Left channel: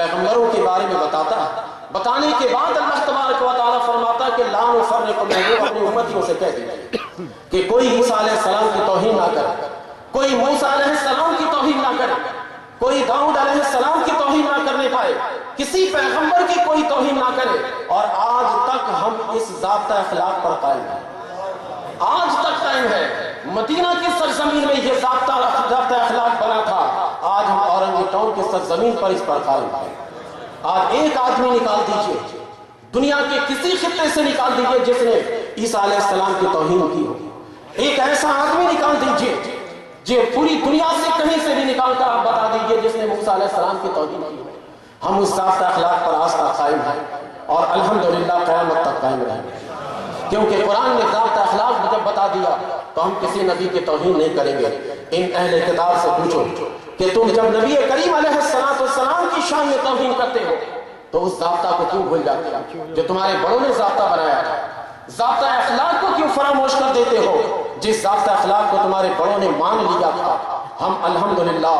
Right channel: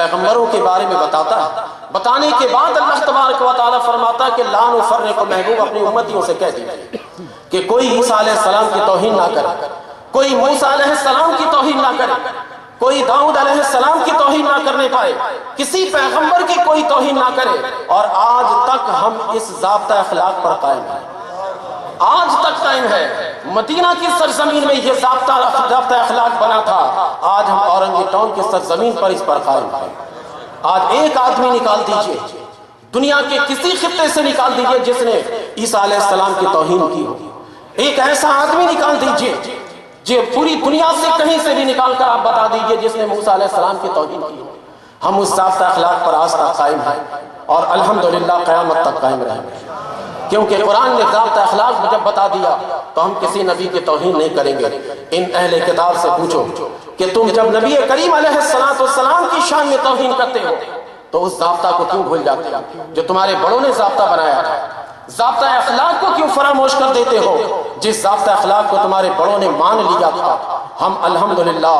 پیغمبروں کے بارے میں بتاتا ہے، بتانے کے بعد اللہ تبارک و تعالیٰ فرماتا ہے کہ لا نفرق، محبوب اپنی امتیوں سے کہہ دیجیے کہ کوئی عیسیٰ علیہ السلام کی توہین نہ کرے، کوئی موسیٰ علیہ السلام کی توہین نہ کرے، کوئی داؤد علیہ السلام کی توہین نہ کرنے پائے، کسی پیغمبر کی کوئی توہین نہ کرے۔ اور آج تک ہم اس ضابطہ اخلاق پر قائم ہیں، آج تک قائم ہے۔ مدینہ کی سرزمین میں یہ ضابطہ اخلاق بنا تھا، آج ہم اورنگی ٹاؤن کی سرزمین پر اس پر قائم ہیں۔ آج ایک آدمی نکال دیجئے، دنیا کے کسی خطے سے نکال دیجئے جس نے عیسیٰ علیہ السلام کی توہین کی ہو، ایک ایسا آدمی نکال دیجئے جو پوری دنیا سے کہیں سے بھی نکال کر آپ بتا دیجئے جس نے موسیٰ علیہ السلام کی توہین کی ہو۔ ہم اس ضابطہ اخلاق پر آج تک قائم ہیں اور الحمدللہ قیامت تک قائم رہیں گے، کیونکہ قرآن نے ضابطہ اخلاق جب بتا دیا تو ہم کسی نبی کی توہین نہیں کریں گے۔ ان اہل کتاب سے پوچھو کہ تم جب نبی کریم علیہ السلام کی شان میں توہین کرتے ہو تو اس ضابطہ کو کیوں بھول جاتے ہو جو تمہارے بڑوں نے ضابطہ بنایا تھا؟ ضابطہ اخلاق کو کیوں فراموش کر دیتے ہو جس ضابطہ اخلاق کو تمہارے بڑوں نے مان لیا تھا؟ ہم الحمدللہ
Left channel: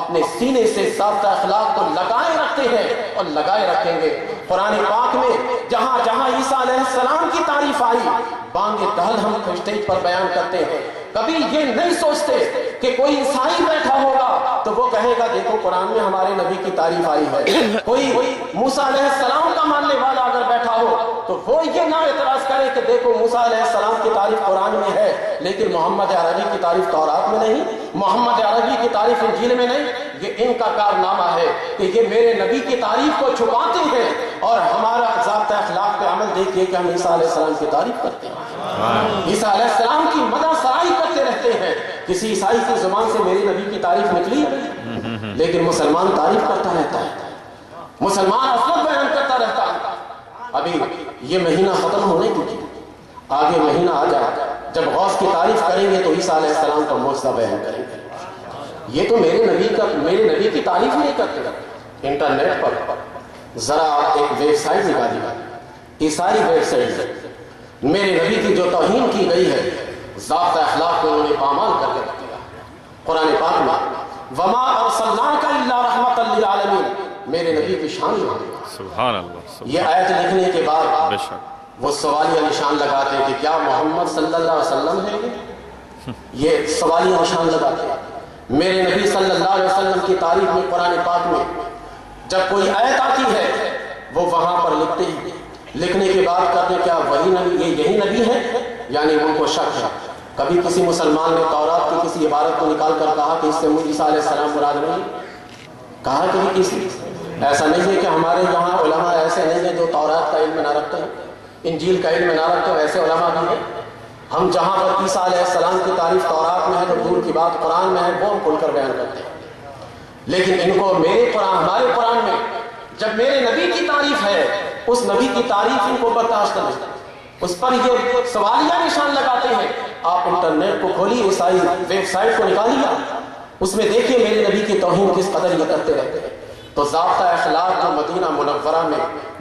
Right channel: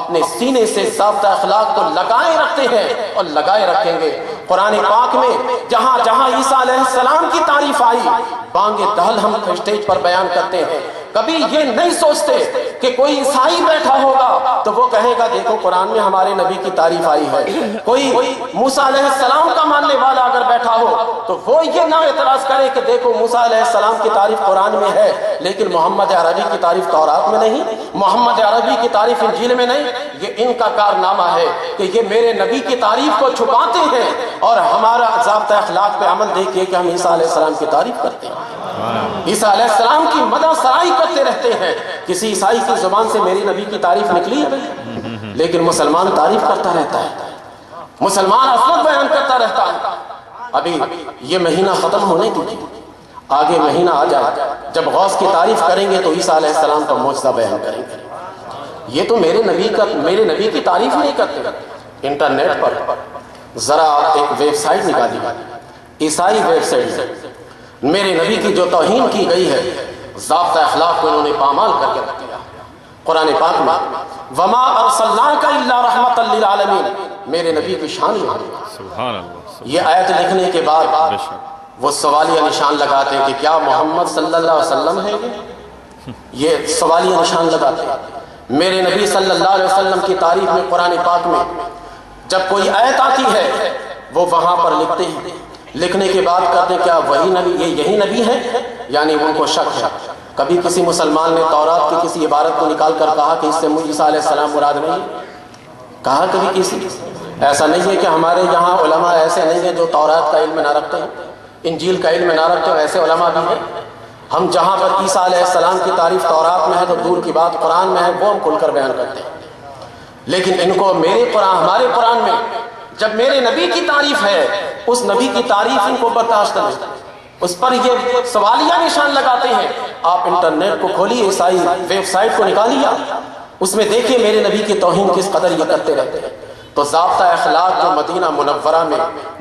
اپنے سینے سے ضابطہ اخلاق کو لگائے رکھتے ہیں اور لگائے رکھیں گے۔ قرآن پاک میں جہاں جہاں عیسیٰ علیہ السلام کی تعریف آئی، بانگ دہل ہم اسٹیج پر بیان کرتے ہیں۔ کبھی یہ نہیں سوچتے کہ کوئی عیسائی بیٹھا ہوگا تو وہ کہے گا دیکھو قرآن میں ہمارے نبی کی تعریف آئی ہے۔ کوئی موسیٰ علیہ السلام کا ماننے والا اگر بیٹھا ہو تو وہ یہ نہ اعتراض کرے کہ دیکھو موسیٰ علیہ السلام کی تعریف قرآن میں ہے لیکن محمد عربی کی تعریف تورات میں نہیں، محمد عربی کی تعریف انجیل میں نہیں۔ یہ ان کا کارنامہ ہے کہ یہ میرے نبی کی تعریف کو چھپاتے ہیں اور ہمارا ضابطہ اخلاق پہ عمل دیکھیے کہ ہم عیسیٰ علیہ السلام کی تعریف کرتے ہیں، عیسیٰ علیہ السلام کی مدح سرائی کرتے رہتے ہیں۔ کسی عیسائی کی زبان سے میری نبی کی تعریف نکلی ہے لیکن مسلمان تعریف کرتا رہتا ہے، مسلمان عظمت بیان کرتا رہتا ہے۔ ابھی یہ مہینہ ختم ہونے دیجیے، آگے مہینہ آ جائے جب غوث کی تعریف کریں گے تو عیسیٰ علیہ السلام کا معجزہ بیان کریں گے۔ یہ تو میرے نبی کی تعریف نہیں کرتے۔ انٹرنیٹ پر ذرا ایک ویب سائٹ نکالی، عیسائی ویب سائٹ، میرے نبی کی جو توہین کی گئی ہے ضابطہ اخلاق کو انہوں نے پامال کر کے رکھ دیا۔ قرآن پاک میں وما ارسلناک الا رحمۃ للعالمین، میرے نبی کی شان میں سبحان اللہ۔ یہ آیت لکھنے کے بعد وہ سوالیہ نشان لگاتے ہیں کہ کیا محمد صلی اللہ علیہ وسلم ہے؟ یہ سوالیہ نشان لگاتے ہیں۔ میرے نبی صلی اللہ علیہ وسلم کی تعریف میں قرآن پاک میں جب کوئی آیت آتی ہے وہ وہاں پر لکھتے ہیں، لکھنے کے بعد کہتے ہیں کیا وہی نبی، یہی نبی ہے؟ یعنی ان کو شک ہے۔ کبھی کسی مسلمان نے تورات کی کسی عبارت کو نکال کر کہا کہ اس سے عیسیٰ علیہ السلام مراد نہیں کہا؟ کبھی کسی ایسا نہیں ہے کہ ہمارے یہاں علماء ایسے نہیں ہیں جو تورات کا علم نہ رکھتے ہیں، انجیل کا علم نہ رکھتے ہیں، ایسے علماء بھی ہیں۔ ہم جہاں پر عیسیٰ علیہ السلام کی تعریف تورات میں ہے تو دور کی بات قرآن میں ہے، وہ ہم کھل کر بیان کرتے ہیں۔ لیکن ان کو ہمارے قرآن میں جب میرے نبی کی تعریف ہے اس نبی کی تعریف ان کو برداشت نہیں، اس پر یہ سوالیہ نشان لگاتے ہیں۔ آپ انٹرنیٹ کو کھولیے، عیسائی ویب سائٹ کو نکالیے، اس میں دیکھیے میرے نبی کی توہین کس قدر یہ کرتے رہتے ہیں۔ تو ضابطہ اخلاق جو مدینہ منورہ میں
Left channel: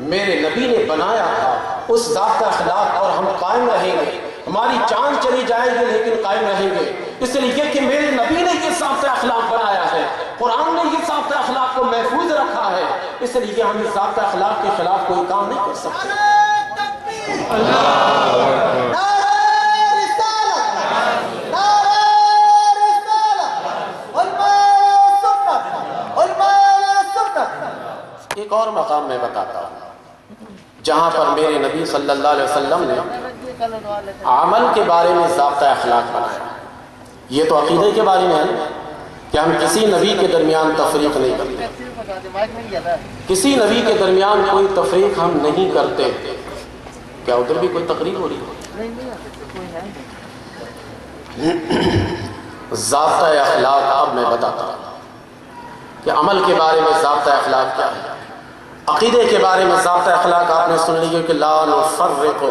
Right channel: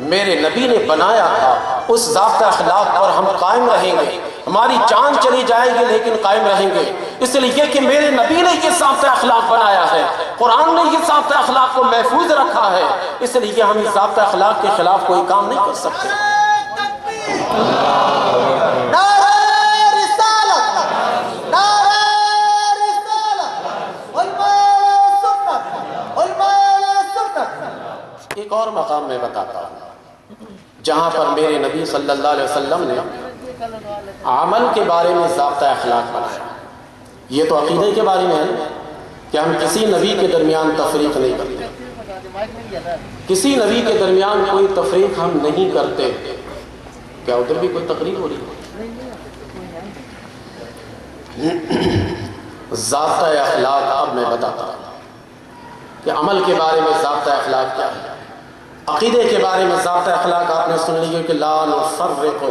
میرے نبی نے بنایا تھا اس ضابطہ اخلاق اور ہم قائم رہیں گے۔ ہماری جان چلی جائے گی لیکن قائم رہیں گے، اس لیے کہ میرے نبی نے یہ ضابطہ اخلاق بنایا ہے، قرآن نے یہ ضابطہ اخلاق کو محفوظ رکھا ہے، اس لیے ہم اس ضابطہ اخلاق کے خلاف کوئی کام نہیں کر سکتے۔ ایک اور مقام میں بتاتا ہوں جہاں پر میرے نبی صلی اللہ علیہ وسلم نے عمل کے بارے میں ضابطہ اخلاق بنایا۔ یہ تو عقیدے کے بارے میں ہے کہ ہم کسی نبی کے درمیان تفریق نہیں کرتے، کسی نبی کے درمیان کوئی تفریق ہم نہیں کرتے۔ کیا ادھر بھی کوئی تقریر ہو رہی ہے؟ ضابطہ اخلاق اب میں بتاتا ہوں کہ عمل کے بارے میں ضابطہ اخلاق کیا ہے۔ عقیدے کے بارے میں ضابطہ اخلاق آپ نے سن لیے کہ لا نفرق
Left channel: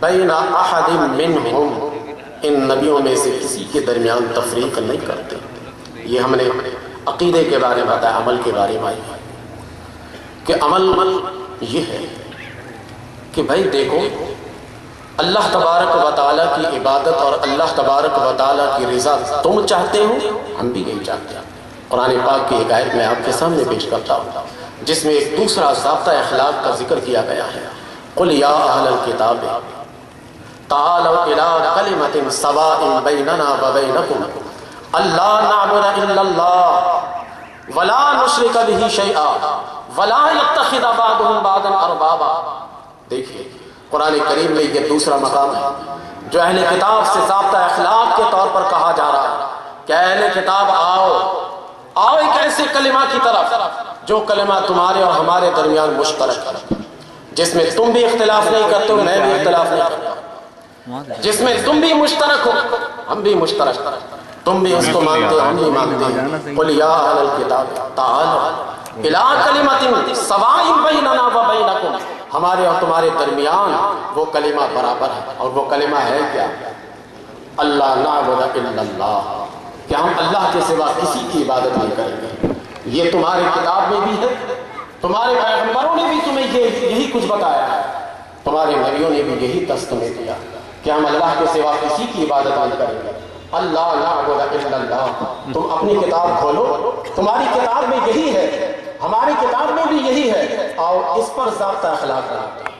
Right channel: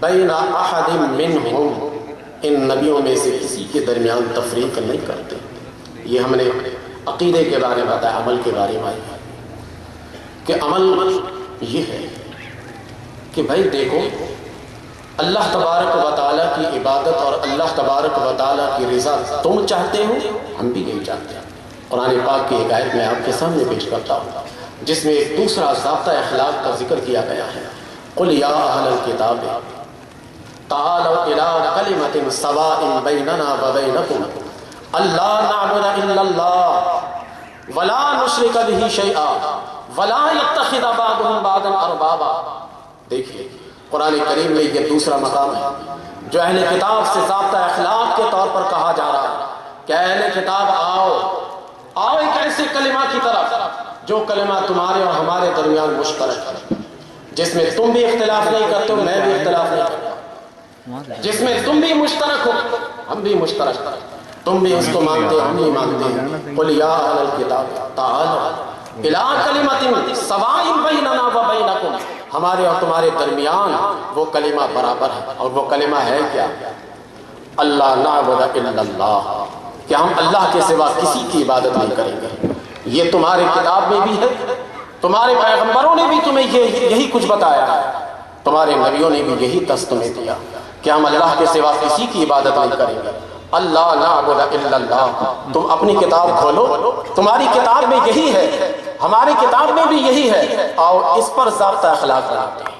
بین احد منہم، ان نبیوں میں سے کسی کے درمیان تفریق نہیں کرتے۔ یہ ہم نے عقیدے کے بارے میں بتایا۔ عمل کے بارے میں کہ عمل یہ ہے کہ بھائی دیکھو اللہ تبارک و تعالیٰ کی عبادت اور اللہ تبارک و تعالیٰ کی رضا تم چاہتے ہو، ہم بھی یہی چاہتے ہیں۔ قرآن پاک کی ایک آیت میں آپ کے سامنے پیش کرتا ہوں، جس میں ایک دوسرا ضابطہ اخلاق کا ذکر کیا گیا ہے۔ قل یا اہل الکتاب تعالوا الی کلمۃ سواء بیننا وبینکم الا نعبد الا اللہ ولا نشرک بہ شیئا ولا یتخذ بعضهم بعضا اربابا۔ دیکھیے قرآن کریم میں یہ دوسرا مقام ہے جو اہل کتاب سے ضابطہ اخلاق کے طور پر کہا جا رہا ہے کہ اہل کتاب آؤ ایک ایسے کلمہ کی طرف جو کلمہ تمہارے اور ہمارے درمیان مشترک ہے، جس میں تم بھی اختلاف نہیں کرتے ہو، میں بھی اختلاف نہیں کرتا، جس میں تم بھی مشترک ہو ہم بھی مشترک، تم بھی اس کو مانتے ہو ہم بھی مانتے ہیں۔ قل یا اہل الکتاب تعالوا الی کلمۃ سواء بیننا وبینکم، ہمارے اور تمہارے درمیان وہ کلمہ برابر ہے، اور وہ کلمہ ہے کیا؟ اللہ نعبد الا اللہ، کہ ہم اللہ کے سوا کسی کی عبادت نہیں کریں گے۔ یہ تمہاری کتاب میں بھی ہے، تمہارے پیغمبروں نے بھی تمہیں یہی کچھ بتایا ہے، تمہارے نبیوں نے بھی یہی دست تمہیں دیا کہ ہم اللہ کے سوا کسی کی عبادت نہیں کریں گے۔ اللہ نعبد الا اللہ، تم اپنی کتاب کھولو، تمہاری کتاب میں یہی ہے، ہماری کتاب میں بھی یہی ہے، آؤ اس پر ضابطہ اخلاق بناتے ہیں۔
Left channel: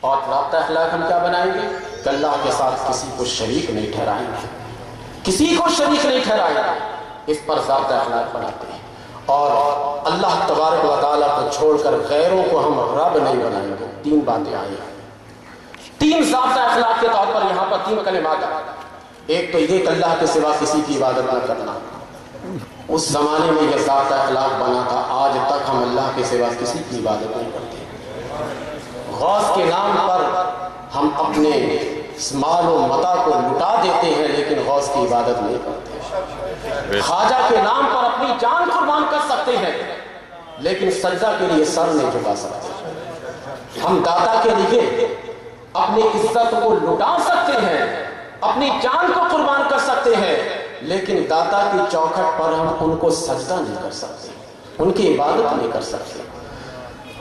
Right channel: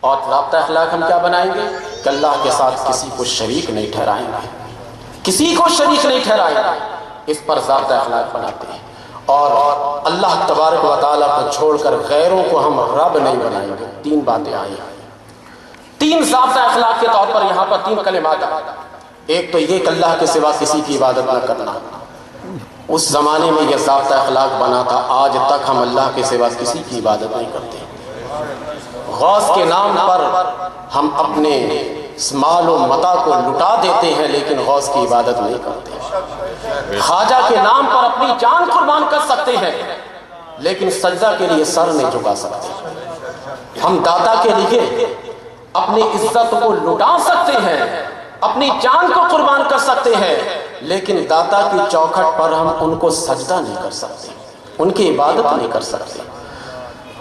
اور ضابطہ اخلاق ہم کیا بنائیں گے کہ اللہ کے ساتھ کسی کو شریک نہیں ٹھہرائیں گے، کسی کو شریک نہیں ٹھہرائیں گے، اس پر ضابطہ اخلاق بناتے ہیں۔ اور اللہ تبارک و تعالیٰ کو چھوڑ کر غیروں کو ہم رب نہیں بنائیں گے۔ تین باتیں آئی ہیں، تین ضابطہ اخلاق کے طور پر یہاں پر تین کلمات ہیں۔ ایک تو یہ کہ اللہ کے سوا کسی کی عبادت نہ کرنا، اس زمانے میں یہ ضابطہ اخلاق بنا تھا، آج تک ہم اللہ کے سوا کسی کی عبادت نہیں کرتے۔ غوث کے نام پر ہم اپنے مال و متاع کو لٹا دیتے ہیں لیکن غوث کی عبادت نہیں کرتے۔ خواجہ کے نام پر اپنی جان قربان کر سکتے ہیں لیکن سجدہ کے لیے سر نہیں جھکا سکتے۔ ہم داتا کے لیے اپنی عزت کو لٹا سکتے ہیں، اپنی جان کو قربان کر سکتے ہیں، لیکن داتا کی چوکھٹ پر ہم ان کو سجدہ نہیں کر سکتے، ان کی عبادت نہیں کر سکتے۔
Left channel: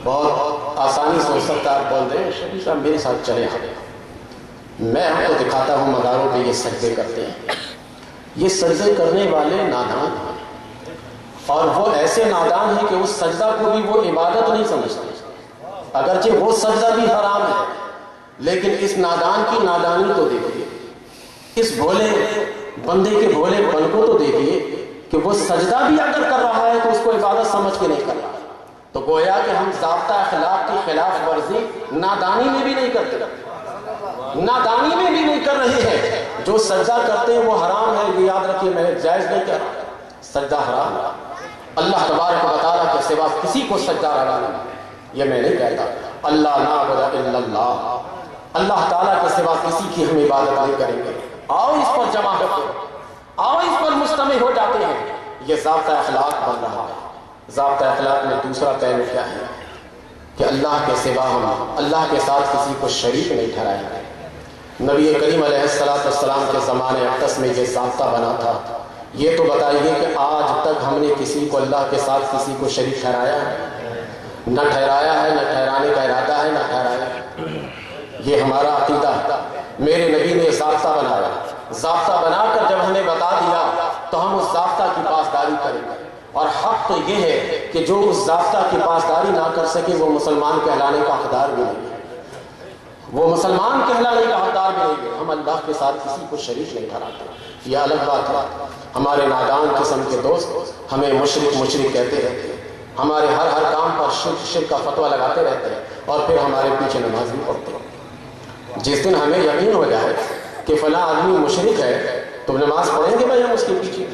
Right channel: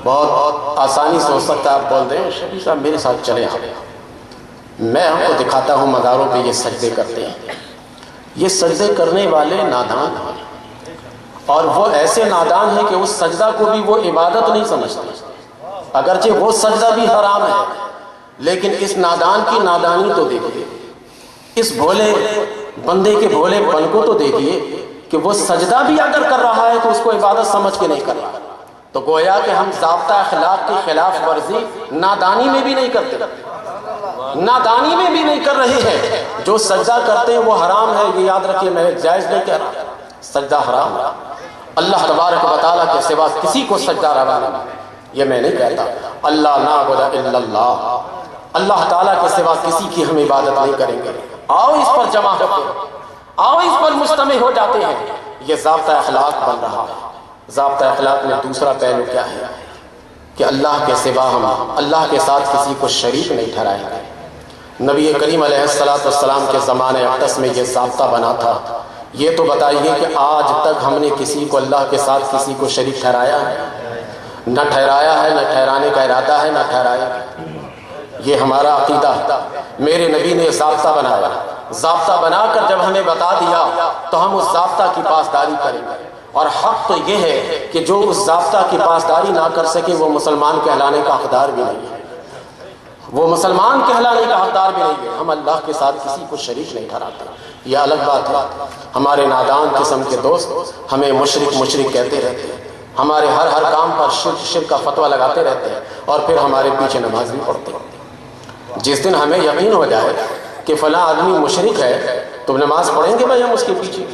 بہت آسانی سے ہو سکتا ہے آپ بول دیں شفیع صاحب میرے ساتھ چلے آئے، میں آپ کو دکھاتا ہوں مزاروں پہ یہ سجدے کرتے ہیں۔ یہ سجدے کرنے والے نادان ہیں، اور وہ ایسے نادان ہیں کہ اس سجدہ کو بھی وہ عبادت نہیں سمجھتے، اگرچہ وہ سجدہ بھی حرام ہے، لیکن اس نادان کی نادانی تو دیکھیے، اس بھولے بندے کے بھولے پن کو تو دیکھیے کہ وہ سجدہ بھی اگر کر رہا ہے تو اس کو عبادت سمجھ کے نہیں کر رہا۔ تو گویا کہ ہم ضابطہ اخلاق کی خلاف ورزی نادانی میں بھی نہیں کرتے، نادانی میں بھی نہیں کر رہے ہیں۔ جو سجدہ کرتے ہیں وہ حرام ہے، یہ یاد رکھیے، میں جائز نہیں کہہ رہا، سجدہ حرام ہے۔ اللہ تبارک و تعالیٰ کے سوا کسی کو سجدہ روا نہیں، یہ میں نہیں کہتا۔ اللہ نعبد الا اللہ، اللہ تعالیٰ کے سوا کسی کی ہم عبادت نہیں کریں گے۔ آؤ اس پر جمع ہوتے ہیں، آؤ اس پر مجتمع ہو جاتے ہیں، یہ ضابطہ اخلاق بن رہا ہے۔ ضابطہ اخلاق میں دوسرا پہلو کیا ہے کہ اللہ کے سوا ہم اللہ کے ساتھ کسی کو شریک نہیں ٹھہرائیں گے۔ نبی کریم علیہ السلام کے زمانے اقدس میں یہ ضابطہ بنا تھا۔ یہ تو بتائیے کہ آج تک ہم نے کسی کو اللہ کے ساتھ کسی کو شریک ٹھہرایا ہے؟ نہ ٹھہرایا ہے، نہ ٹھہرانے کا ارادہ ہے، نہ ٹھہرایا ہے۔ یہ ہمارا عقیدہ، میرے نبی نے ضابطہ بنایا، ضابطہ بنا کر جب ہمیں بتا دیا تو ہم اس ضابطہ کی پاسداری کریں گے۔ اور حق تو یہ ہے کہ جو اس ضابطہ کی پاسداری نہ کر سکے وہ مسلمان کہلانے کا حقدار بھی نہیں ہے، وہ مسلمان کہلانے کا حقدار بھی نہیں ہے۔ ہم اللہ کے ساتھ کسی کو شریک نہیں ٹھہراتے، یہ الگ بات ہے۔ ہمارے نادان قسم کے دوست ہمیں مشرک کہتے رہتے ہیں، ہمارے ہر کام پر شرک کا فتویٰ لگاتے رہتے ہیں، اور پھر ہمارے پیچھے نماز بھی پڑھتے ہیں۔ جس دن ہمیں یقین ہو جائے کہ فلاں آدمی مشرک ہے تو نماز پڑھیں گے بھائی ہم اس کے پیچھے۔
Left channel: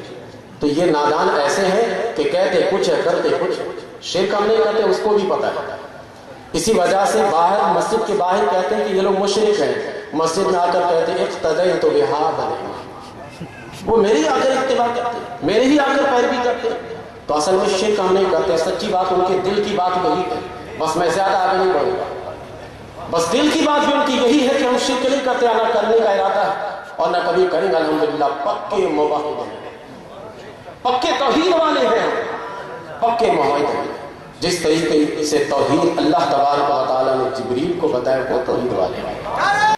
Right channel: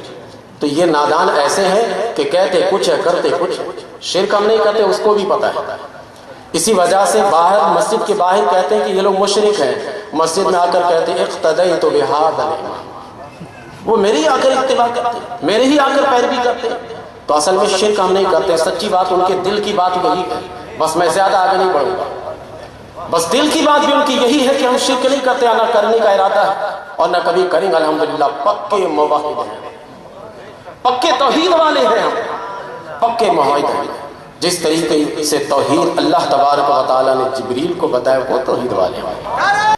تو یہ نادان ایسے ہیں کہ کہتے کچھ ہے کرتے کچھ، شرک ہم نہیں کرتے اس کو بھی پتہ ہے۔ اسی وجہ سے باہر مسجد کے باہر کہتے ہیں کہ یہ لوگ مشرک ہیں، مسجد میں آ کر کہتے ہیں اقتدیت بہذا الامام، وہ میری آ کر اتباع کرتے ہیں، میرے ہی آ کر پیروی کرتے ہیں۔ تو اصل میں شرک ہم نہیں کرتے، سچی بات ان کے دل کی بات وہی ہے، بس میں زیادہ آگے نہیں بڑھوں گا۔ بس دل کی بات بھی ان کی یہی ہے کہ ہم شرک نہیں کرتے، نہ کرنے کا ارادہ ہے اور نہ کبھی کریں گے۔ الحمدللہ پکے موحد ہیں، پکے توحید والے ہیں، ہم پکے موحد ہیں۔ جس طریقے سے توحید اللہ تبارک و تعالیٰ نے جبریل کو بتایا وہ توحید والے ہیں۔